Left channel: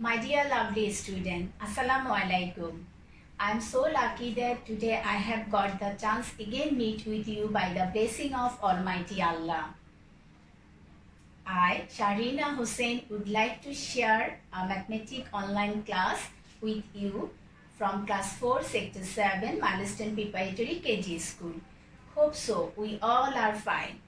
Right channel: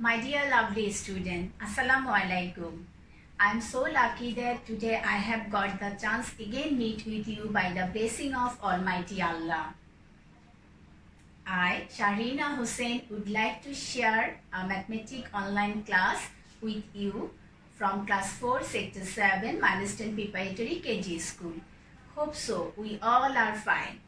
My dear lovely student, Assalamu alaikum. I am so lucky that today I have got the chance again meet with you by the blessing of Almighty Allah. I, Sharina Hussain, would like to share a mathematics online class with you from class 4, sector 7, Milestone Preparatory KG School. Hope so, we all are fine.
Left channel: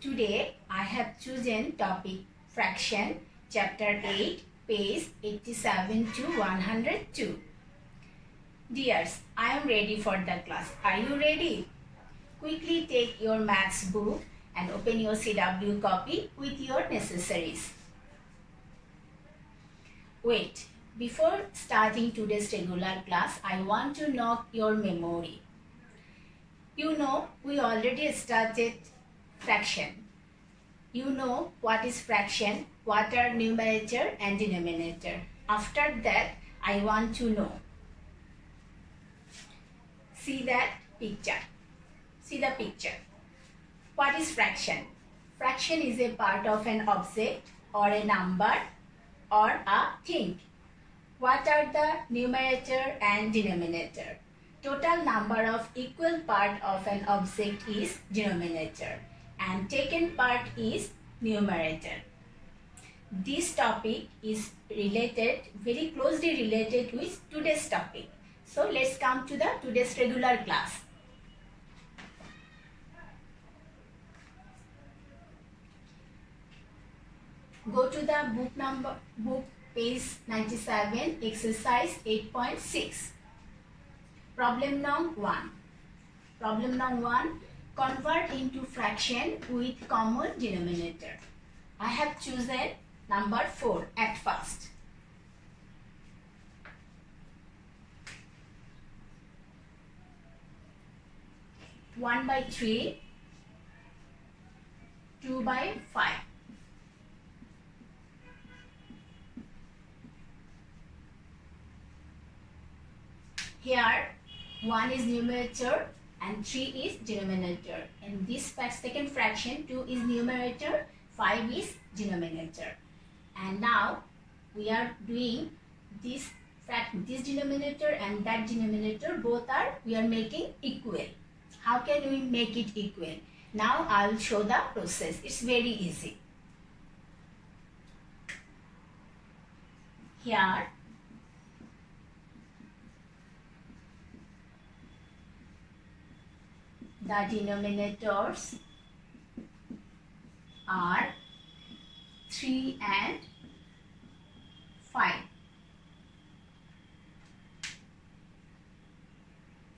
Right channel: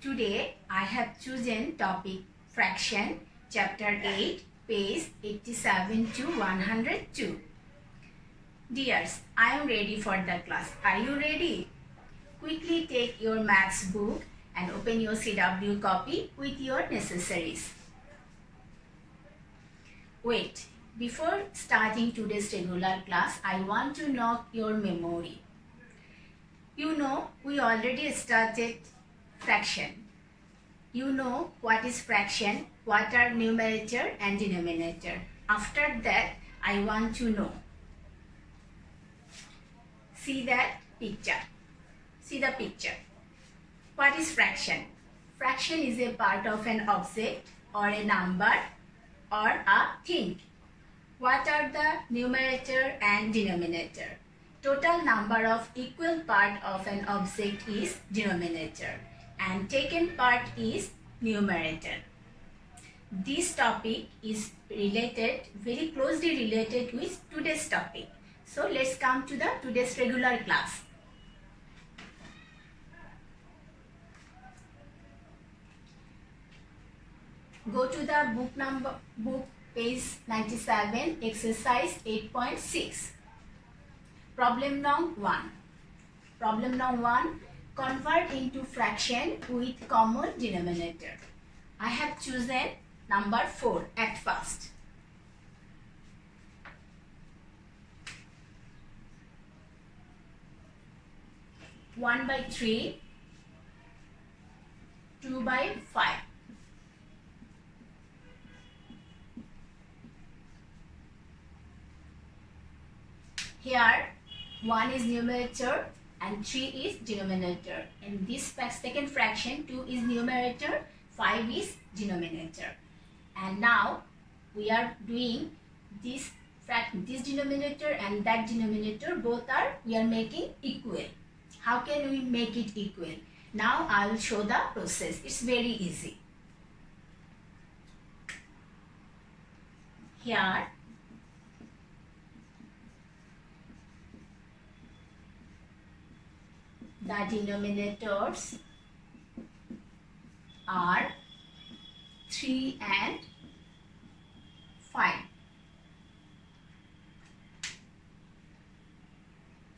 Today, I have chosen topic fraction, chapter 8, page 87 to 102. Dears, I am ready for the class. Are you ready? Quickly take your maths book and open your CW copy with your necessaries. Wait, before starting today's regular class, I want to knock your memory. You know, we already started fraction. You know what is fraction, what are numerator and denominator. After that, I want to know. See that picture. See the picture. What is fraction? Fraction is a part of an object or a number or a thing. What are the numerator and denominator? Total number of equal part of an object is denominator and taken part is numerator. This topic is related, very closely related with today's topic. So let's come to the today's regular class. Go to the book page 97, exercise 8.6. Problem number 1. Problem number 1. Convert into fraction with common denominator. I have chosen number 4 at first. One by 3, 2 by 5. Here 1 is numerator and 3 is denominator. In this second fraction, 2 is numerator, 5 is denominator. And now we are doing this denominator and that denominator, both are, we are making equal. How can we make it equal? Now I will show the process. It's very easy. Here the denominators are 3 and 5.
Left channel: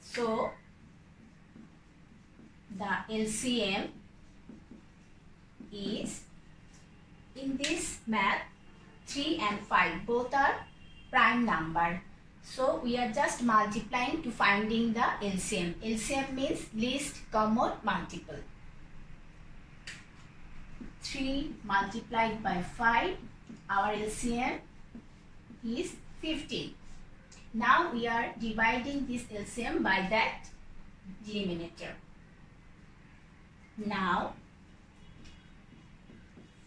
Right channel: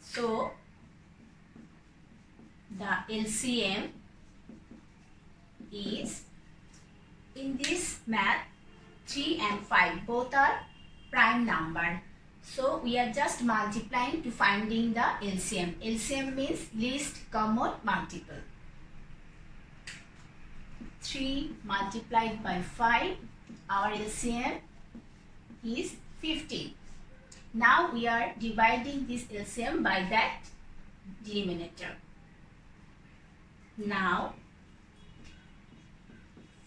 So the LCM is, in this math, 3 and 5 both are prime number. So we are just multiplying to finding the LCM. LCM means least common multiple. 3 multiplied by 5, our LCM is 15. Now we are dividing this LCM by that denominator. Now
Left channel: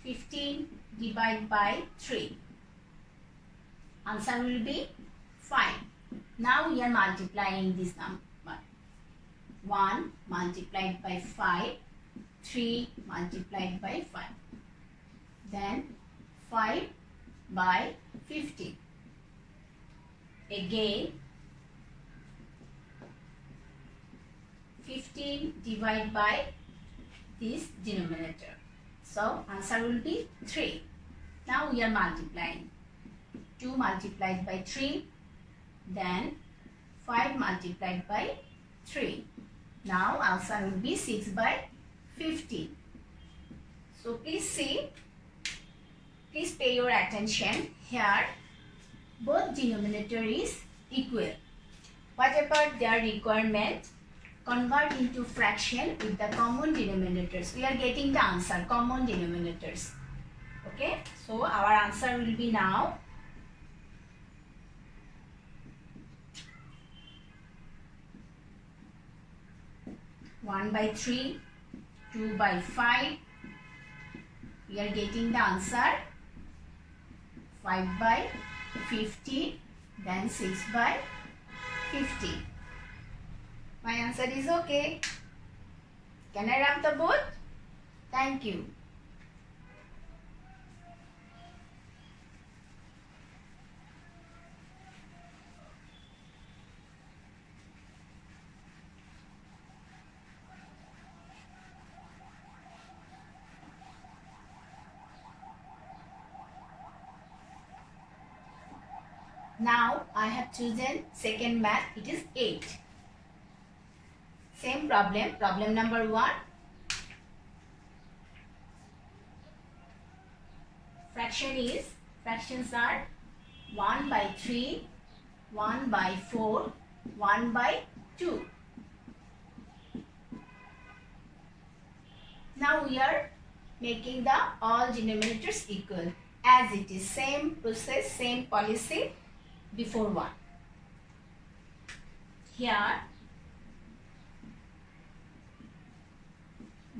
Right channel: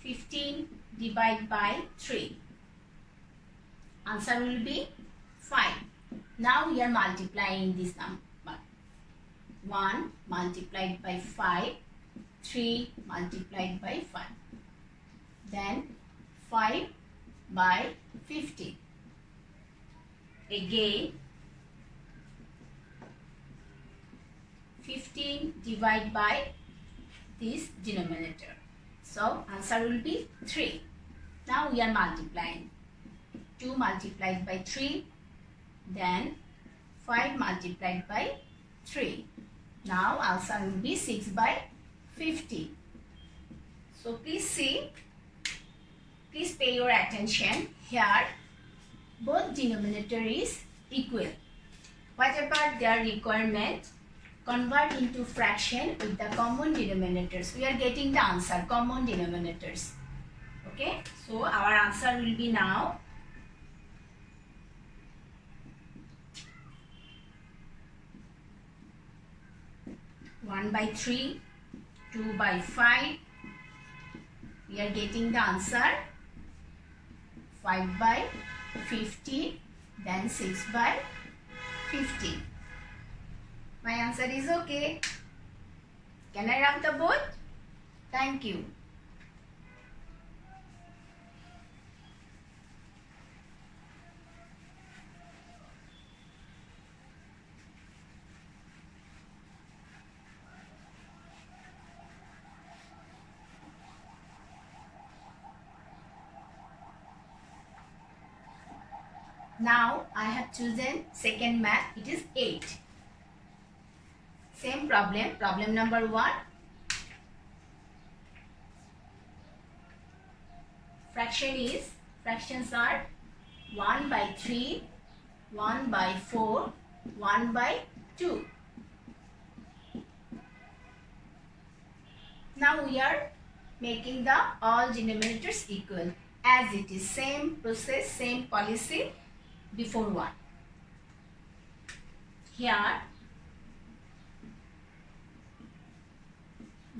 15 divided by 3. Answer will be 5. Now we are multiplying this number. 1 multiplied by 5, 3 multiplied by 5. Then 5 by 50. Again 15 divided by this denominator. So answer will be 3. Now we are multiplying. 2 multiplied by 3. Then 5 multiplied by 3. Now answer will be 6 by 50. So please see, please pay your attention. Here both denominator is equal. What about their requirement? Convert into fraction with the common denominators. We are getting the answer, common denominators. Okay, so our answer will be now 1 by 3, 2 by 5. We are getting the answer 5 by 50, then 6 by 50. My answer is okay. Can I rub the board? Thank you. Now I have chosen second math. It is 8. Same problem. Problem number 1. Fractions are 1 by 3, 1 by 4, 1 by 2. Now we are making the all denominators equal, as it is same process, same policy before 1. Here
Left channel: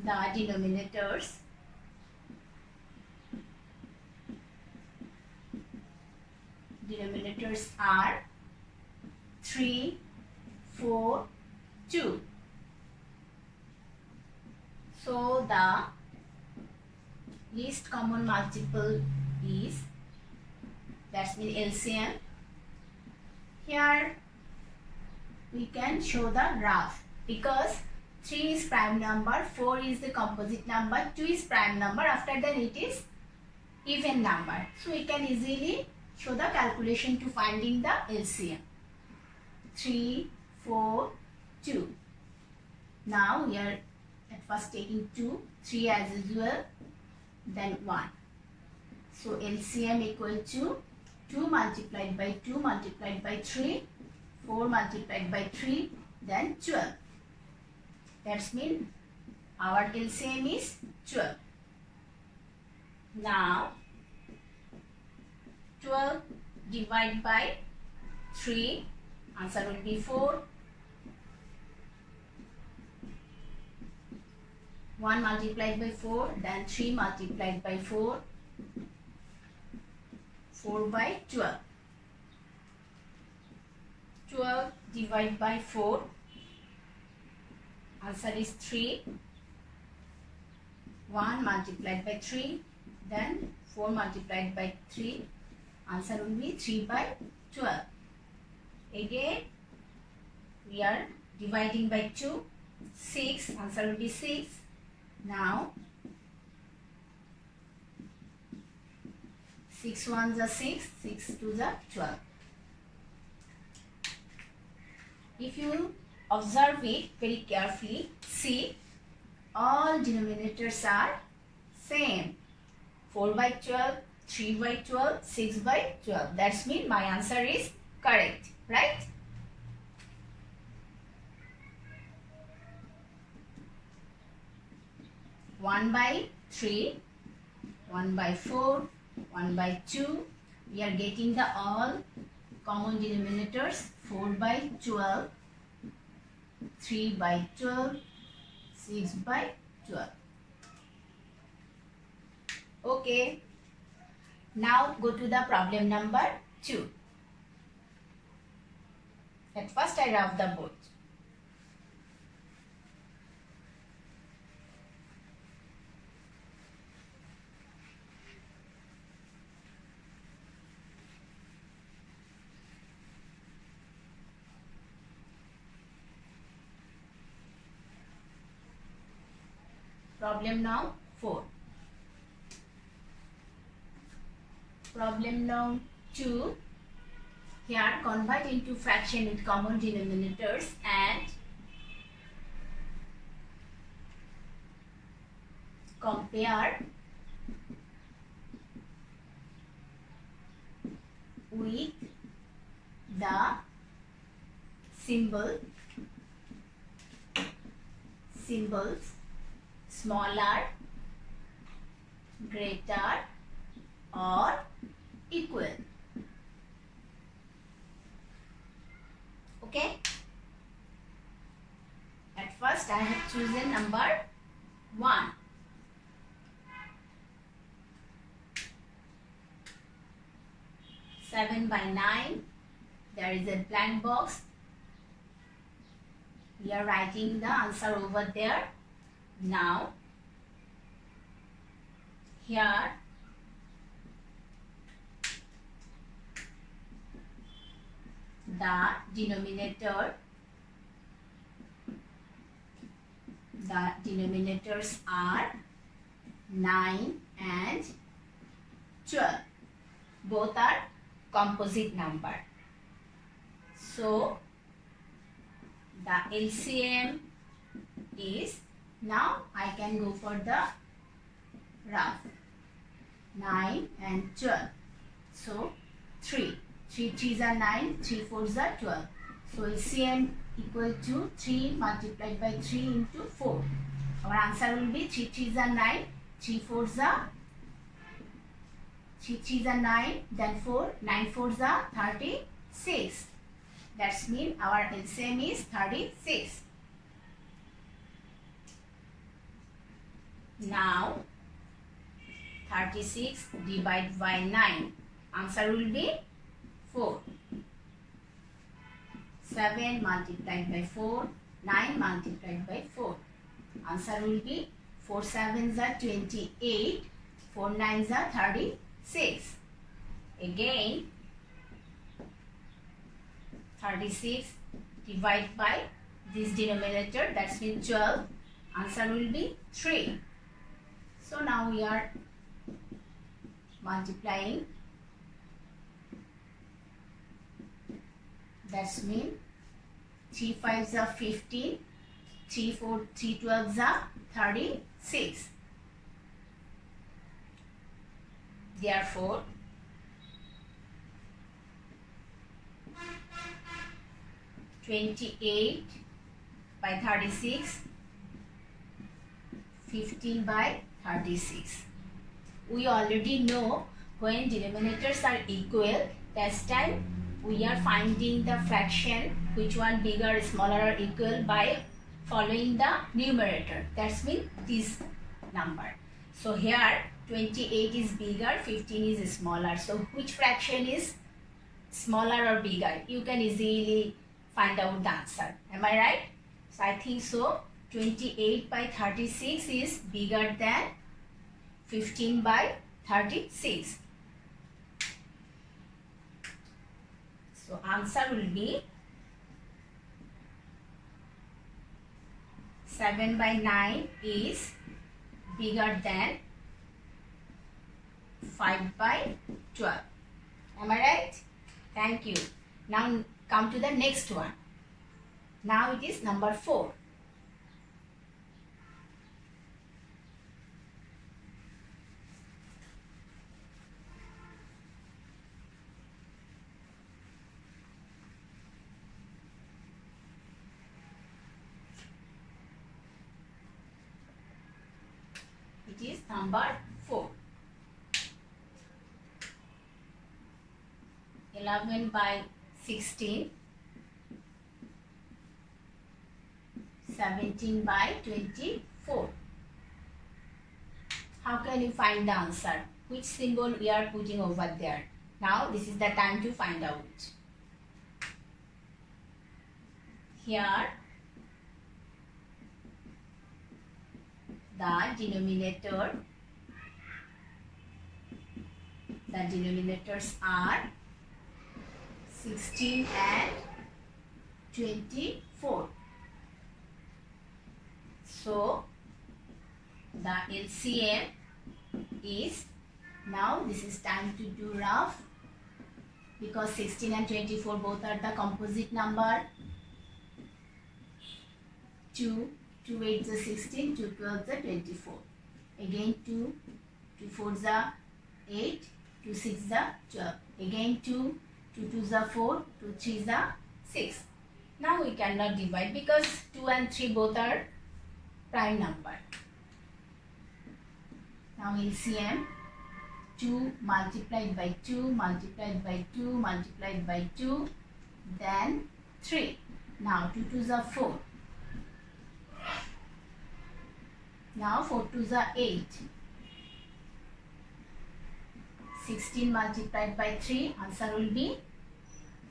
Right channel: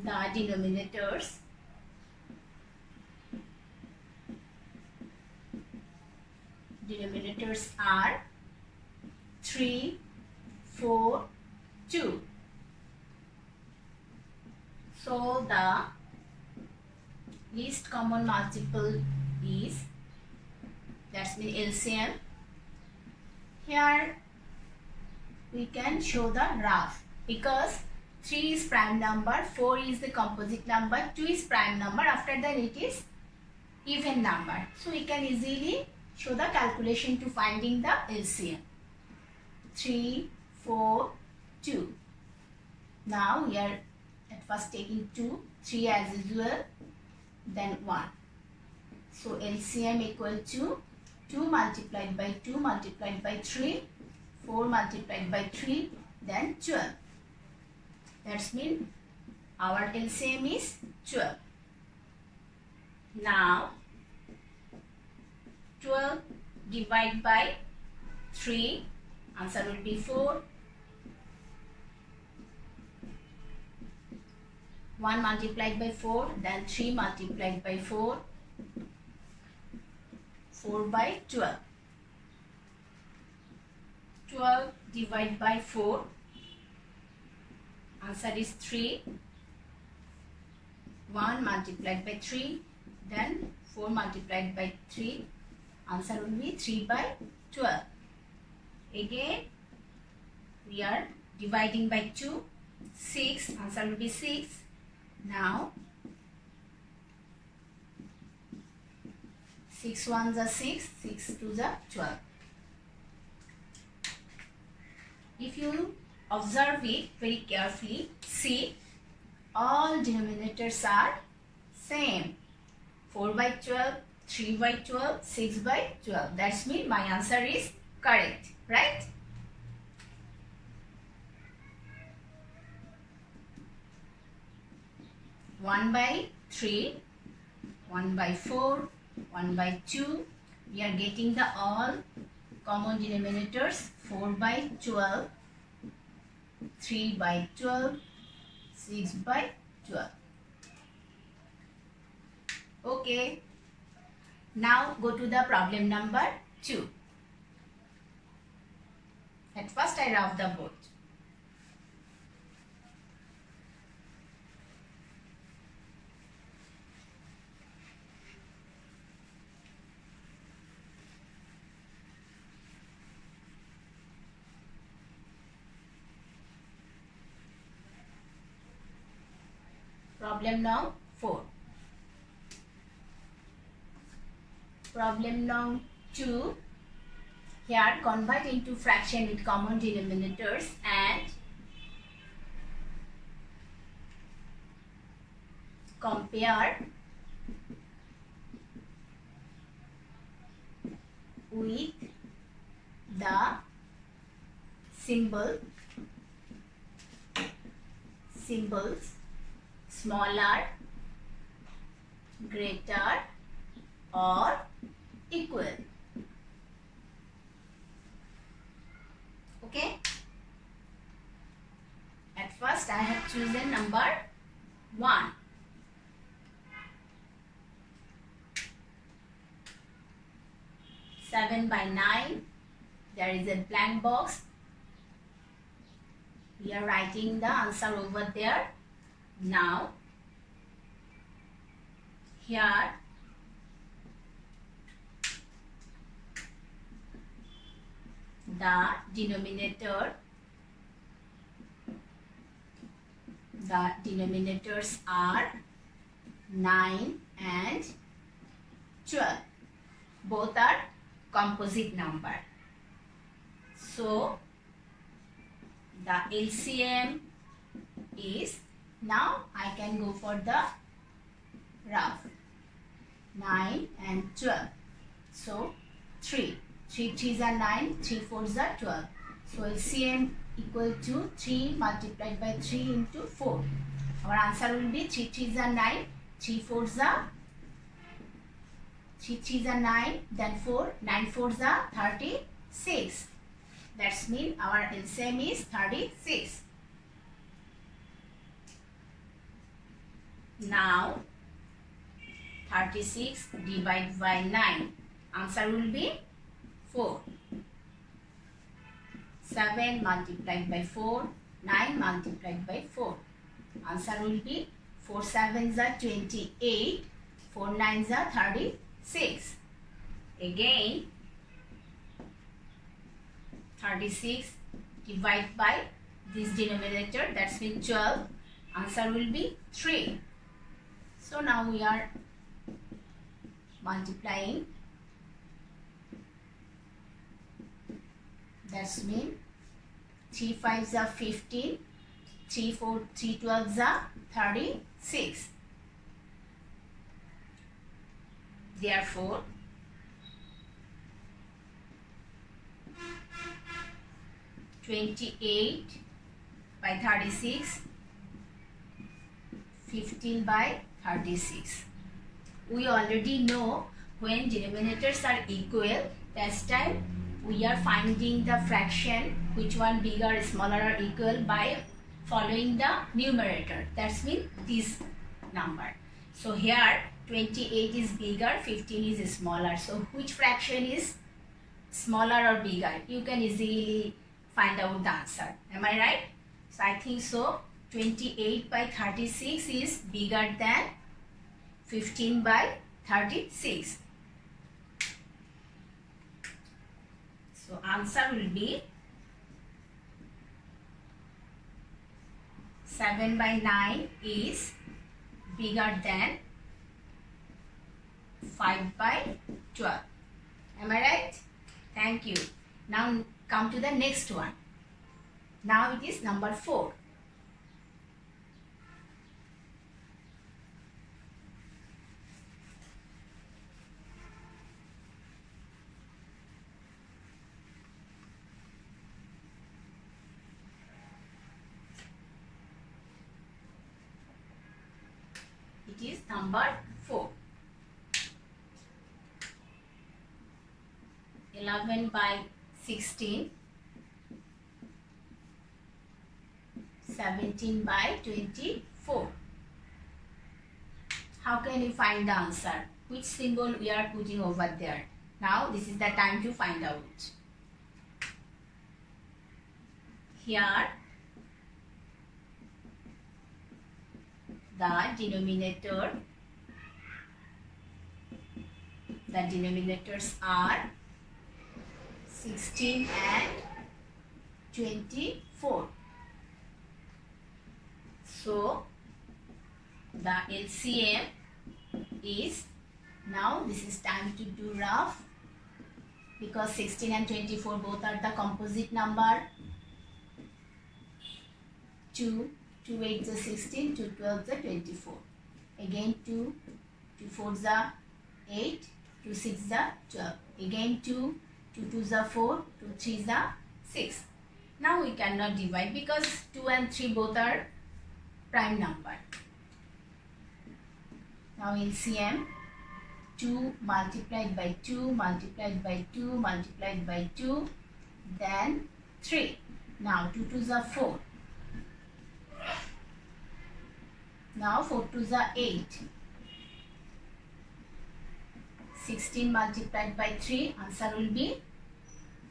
the denominators are 3, 4, 2. So the least common multiple is, that's mean LCM. Here we can show the graph, because 3 is prime number, 4 is the composite number, 2 is prime number, after that it is even number. So we can easily show the calculation to finding the LCM. 3, 4, 2. Now we are at first taking 2, 3 as usual, then 1. So LCM equal to 2 multiplied by 2 multiplied by 3, 4 multiplied by 3, then 12. That's mean our LCM is 12. Now 12 divided by 3, answer will be 4. 1 multiplied by 4, then 3 multiplied by 4, 4 by 12. 12 divided by 4, answer is 3. 1 multiplied by 3, then 4 multiplied by 3, answer will be 3 by 12. Again we are dividing by 2, 6, answer will be 6. Now 6 ones are 6, 6 twos are 12. If you observe it very carefully, see all denominators are same. 4 by 12, 3 by 12, 6 by 12. That's mean my answer is correct, right? One by 3, 1 by 4, 1 by 2. We are getting the all common denominators. 4 by 12, 3 by 12, 6 by 12. Okay. Now go to the problem number 2. At first I rub the board. Problem now 4. Problem now 2. Here convert into fraction with common denominators and compare with the symbols smaller, greater or equal. Okay. At first I have chosen number 1. 7 by 9. There is a blank box. We are writing the answer over there. Now, here the denominators are 9 and 12. Both are composite number. So, the LCM is, now I can go for the rough, 9 and 12. So, 3 3s are 9, 3 4s are 12. So, LCM equal to 3 multiplied by 3 into 4. Our answer will be 3 3s are 9, 3 4s are 9, then 4, 9 4s are 36. That means our LCM is 36. Now, 36 divided by 9. Answer will be 4. 7 multiplied by 4, 9 multiplied by 4. Answer will be 4 7s are 28, 4 9s are 36. Again, 36 divided by this denominator, that means 12. Answer will be 3. So now we are multiplying. That means 3 5s are 15, 3 12s are 36. Therefore, (28) by 36, 15 by 36. We already know when denominators are equal, that's time we are finding the fraction, which one bigger, smaller or equal, by following the numerator. That means this number. So here 28 is bigger, 15 is smaller. So which fraction is smaller or bigger? You can easily find out the answer. Am I right? So I think so. 28 by 36 is bigger than 15 by 36. So answer will be 7 by 9 is bigger than 5 by 12. Am I right? Thank you. Now come to the next one. Now it is number 4. It is number 4. 11 by 16, 17 by 24. How can we find the answer? Which symbol we are putting over there? Now this is the time to find out. Here the denominators are 16 and 24. So the LCM is, now this is time to do rough, because 16 and 24 both are the composite number. 2 8s are 16, 2 12s are 24. Again 2 4s are 8, 2 6s are 12. Again 2 2s are 4, 2 3s are 6. Now we cannot divide because 2 and 3 both are prime number. Now LCM, 2 multiplied by 2 multiplied by 2 multiplied by 2, then 3. Now 2 2s are 4. Now 4 2s are 8. 16 multiplied by 3, answer will be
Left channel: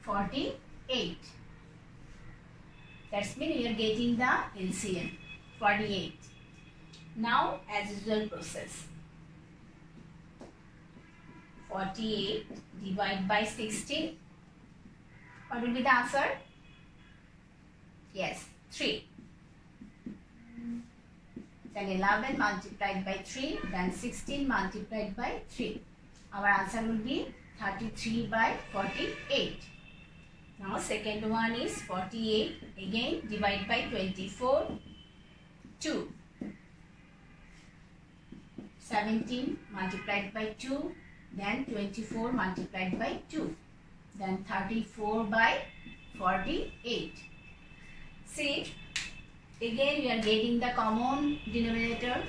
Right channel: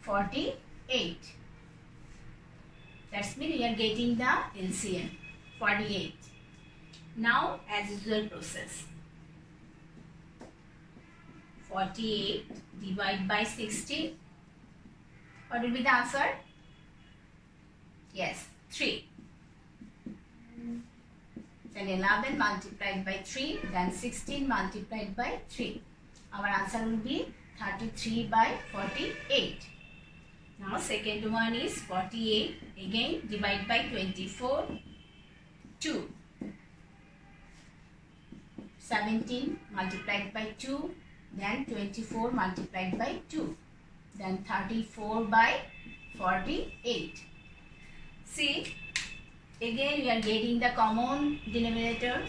48. That's mean we are getting the LCM, 48. Now as usual process. 48 divided by 60. What will be the answer? Yes, 3. Then 11 multiplied by 3, then 16 multiplied by 3. Our answer will be 33 by 48. Now second one is 48, again divide by 24, 2. 17 multiplied by 2, then 24 multiplied by 2, then 34 by 48. See, again we are getting the common denominator,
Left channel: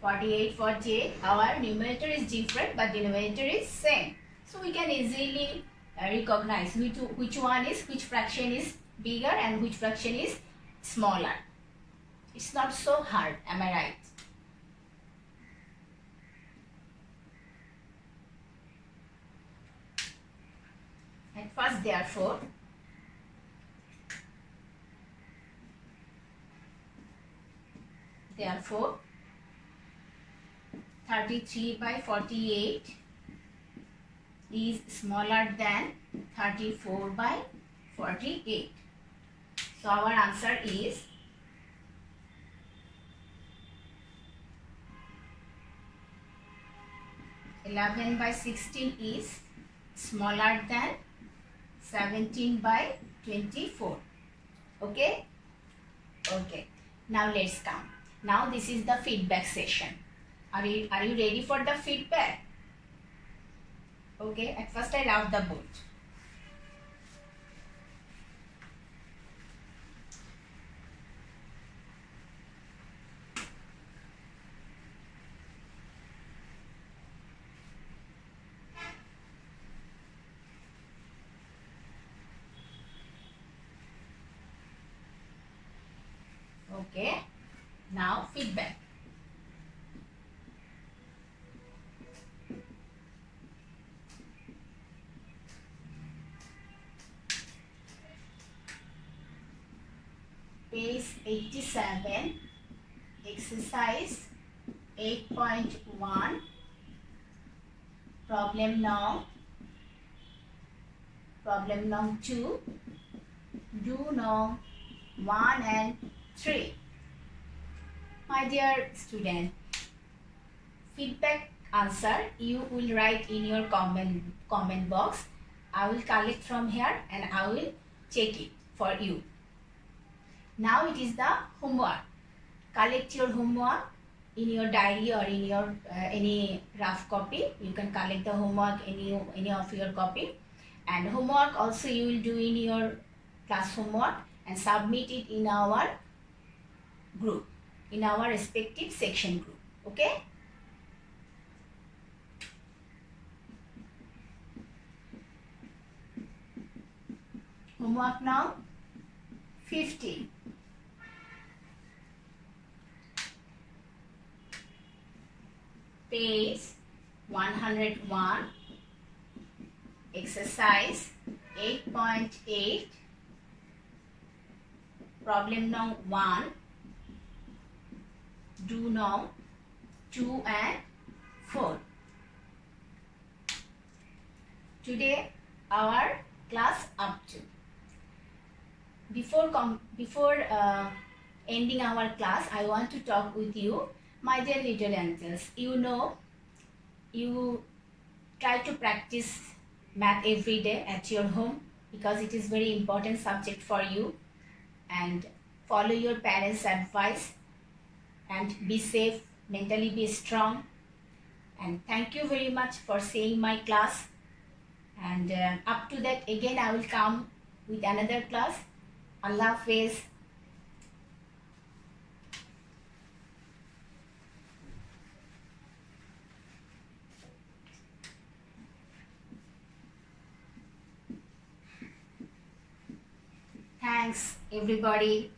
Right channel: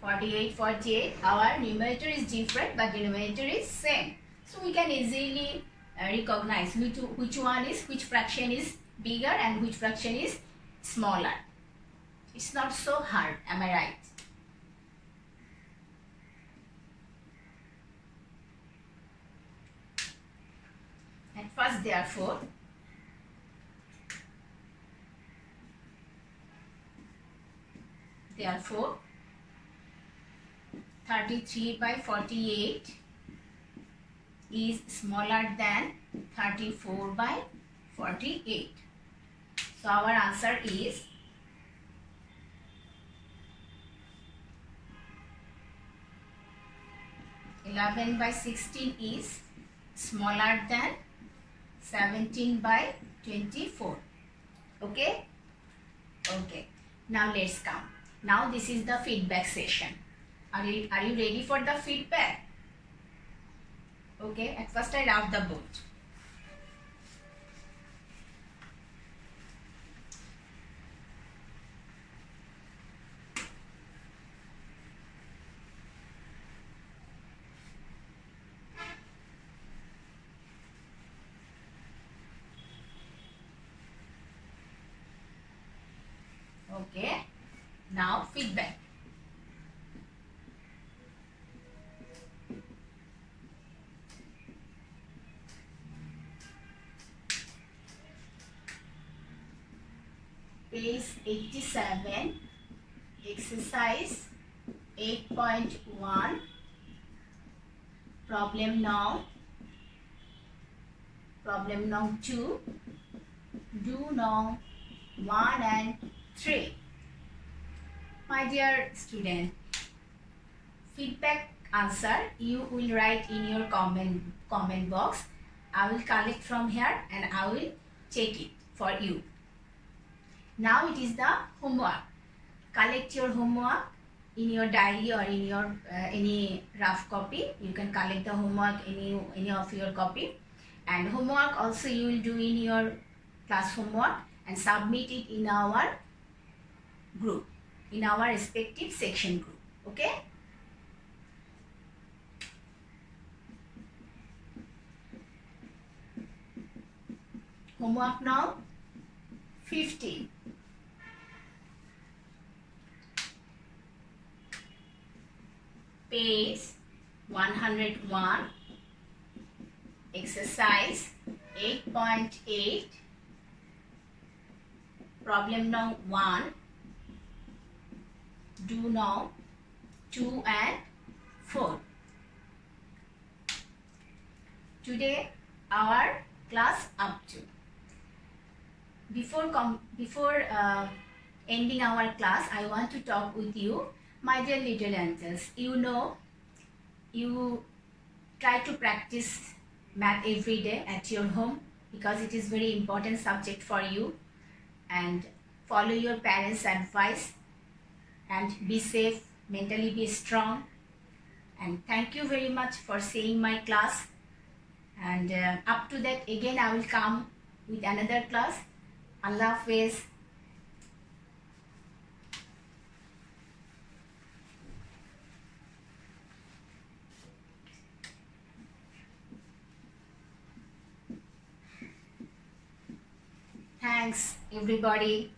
48, 48. Our numerator is different but denominator is same. So we can easily recognize which fraction is bigger and which fraction is smaller. It's not so hard, am I right? At first, therefore, therefore 33 by 48 is smaller than 34 by 48. So our answer is 11 by 16 is smaller than 17 by 24. Okay? Okay. Now let's come. Now this is the feedback session. Are you ready for the feedback? Okay. At first I rub the board. Okay, now feedback. Page 87, exercise 8.1, problem now 2, do now 1 and 3. My dear student, feedback answer you will write in your comment box. I will collect from here and I will check it for you. Now it is the homework. Collect your homework in your diary or in your any rough copy. You can collect the homework in any of your copy, and homework also you will do in your class homework and submit it in our group, in our respective section group. Okay? Homework now 50. Page 101, exercise 8.8, problem now 1, do now 2 and 4. Today our class up to. Before ending our class, I want to talk with you, my dear little angels. You know, you try to practice math every day at your home because it is very important subject for you, and follow your parents' advice and be safe, mentally be strong. And thank you very much for seeing my class, and up to that again I will come with another class. Allah Hafiz. Thanks everybody.